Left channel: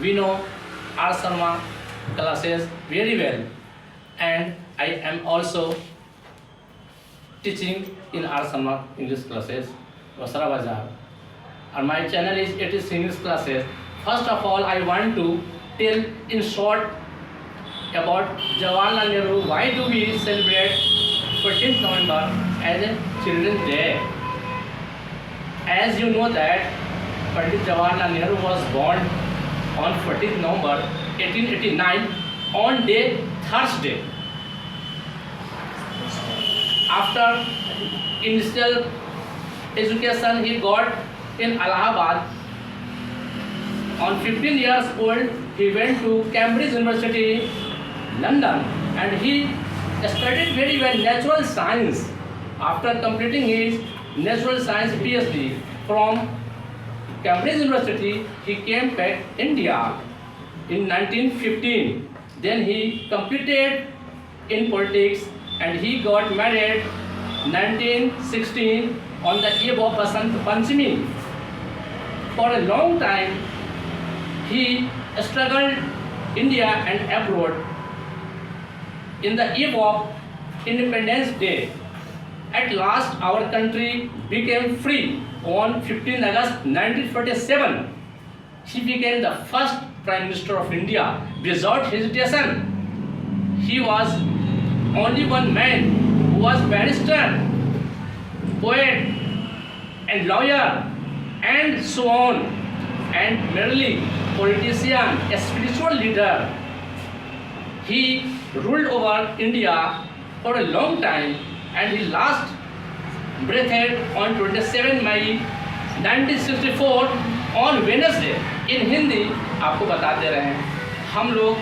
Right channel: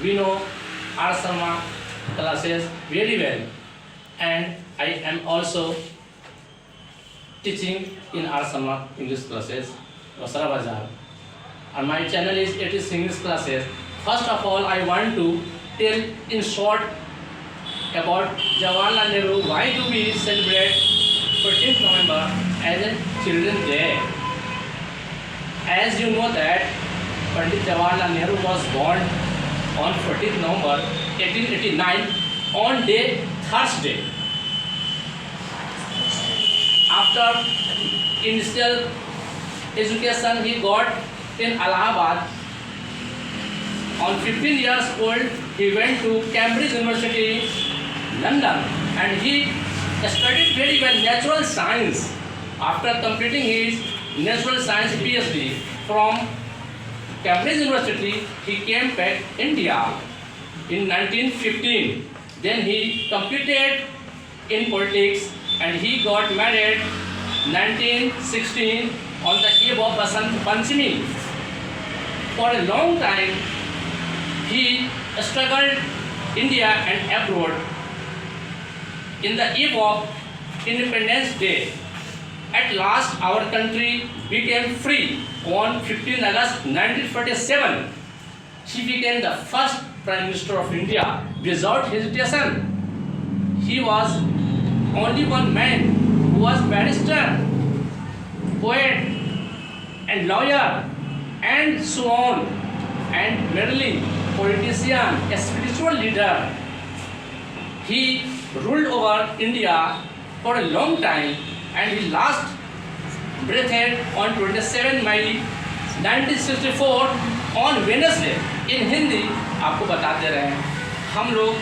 we know R. Sharma classes very well, and I am also teaching in R. Sharma English classes, Rosara Bazar. And my channel is It is English classes. First of all, I want to tell in short about Jawaharlal Nehru. Why do we celebrate 14th November as a Children's Day? As you know that Pandit Jawaharlal Nehru was born on 14th November 1889 on Thursday. After initial education he got in Allahabad. On 15 years old he went to Cambridge University, London, and he studied very well natural science. After completing his natural science PhD from Cambridge University, he came back India in 1915. Then he competed in politics and he got married 1916 on the eve of Basant Panchami. For a long time he struggled India and abroad. In the eve of Independence Day, at last our country became free on 15 August 1947. He became the first Prime Minister of India without hesitation. He was only one man who was barrister, poet and lawyer and so on, and merely politician, a spiritual leader. He ruled over India for a long time and he last breathed on 27 May 1964 on Wednesday. In Hindi आपको बताते रहे हैं, हम लोग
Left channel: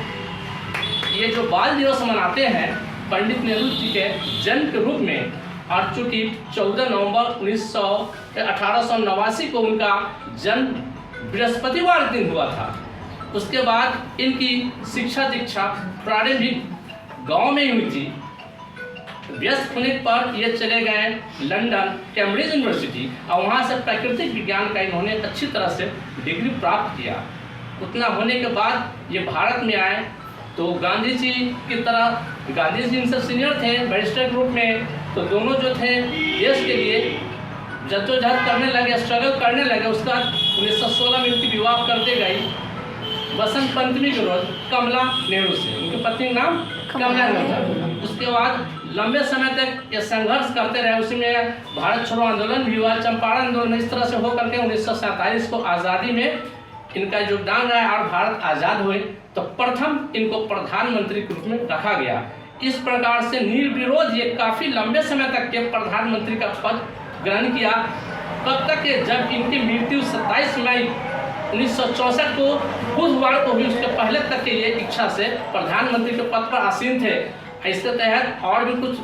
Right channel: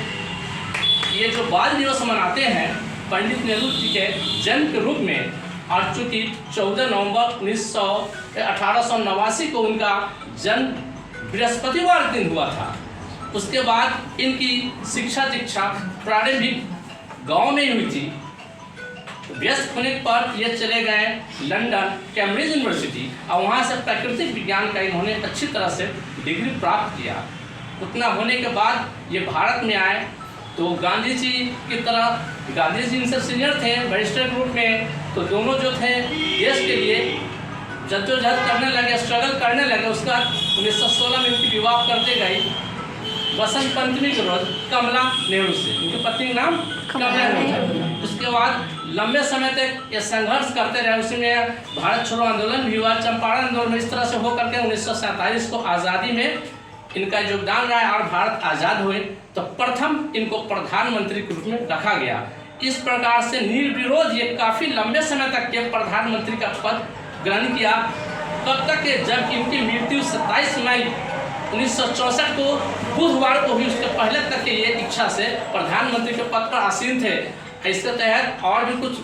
ये जो बाल दिवस मनाते हैं पंडित नेहरू जी के जन्म के रूप में, और चूँकि 14 नवंबर 1889 को उनका जन्म बृहस्पतिवार दिन हुआ था, उसके बाद इनकी शिक्षा दीक्षा प्रारंभिक गांव में ही हुई थी। व्यस्त होने पर ये चले गए लंदन कैम्ब्रिज यूनिवर्सिटी और वहाँ से प्राकृतिक विज्ञान का इन्होंने अच्छी तरह से डिग्री प्राप्त किया। उतना होने के बाद ये भारत में आए तो गांधी जी की तरह, गांधी जी इनसे सीनियर थे बैरिस्टर ग्रुप में, तो दोनों जो थे देश के लिए जद्दोजहद करने लगे, स्ट्रगल करने लगे। उसके बाद 1916 में उनकी विवाह कर दी गई बसंत पंचमी के रोज कमला नेहरू से, उनकी पत्नी का नाम कमला नेहरू था। उसके बाद लंबे समय तक ये संघर्ष करते रहे, उसमें भारत छोड़ो आंदोलन भी हुआ, चंपारण आंदोलन, इस तरह से होकर के 1947 को आज़ादी में इनका योगदान रहा और भारत आज़ाद हुए तो प्रथम इनको प्रधानमंत्री के रूप में रखा गया। इस प्रकार से निर्विरोध ये काफ़ी लंबे समय तक के प्रधानमंत्री का पद ग्रहण किया। कब तक के जब इनकी मृत्यु 27 मई 1964 को बुधवार को हुई, उसके पहले तक के ये इच्छा से प्रधानमंत्री के पद पर आसीन थे। इसके तहत और भी कुछ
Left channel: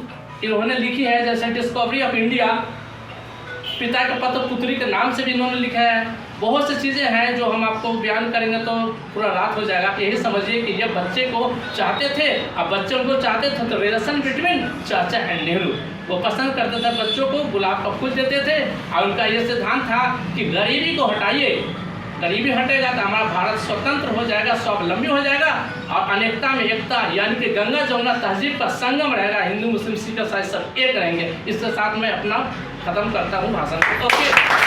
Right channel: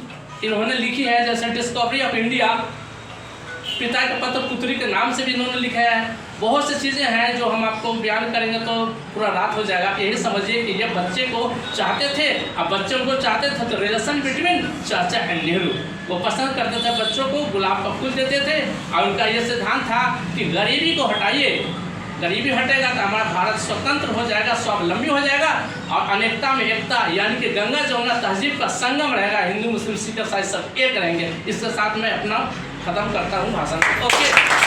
इन्होंने लिखी है, जैसे डिस्कवरी ऑफ इंडिया, पिता के पत्र पुत्री के नाम से भी इन्होंने लिखा है। बहुत सी चीज़ें हैं जो हम आपको बयान करेंगे तो पूरा रात हो जाएगा। यही समझिए कि ये बच्चे को चाहते थे, अब बच्चे उनको चाहते थे तो रिलेशन बिटवीन चाचा एंड नेहरू, वो पसंद करते थे बच्चों को, गुलाब का फूल देते थे और उनका ये सिद्धांत था कि गरीबी को हटाइए, गरीबी हटेगा तो हमारा भारत स्वतंत्र हो जाएगा, स्वावलंबी हो जाएगा और अनेकता में एकता, यानी कि गंगा जमुना तहजीब का संगम रहेगा, हिंदू मुस्लिम सिख ईसाई सब एक रहेंगे। इसके साथ मैं अपना खत्म करता हूँ भाषण। ओके।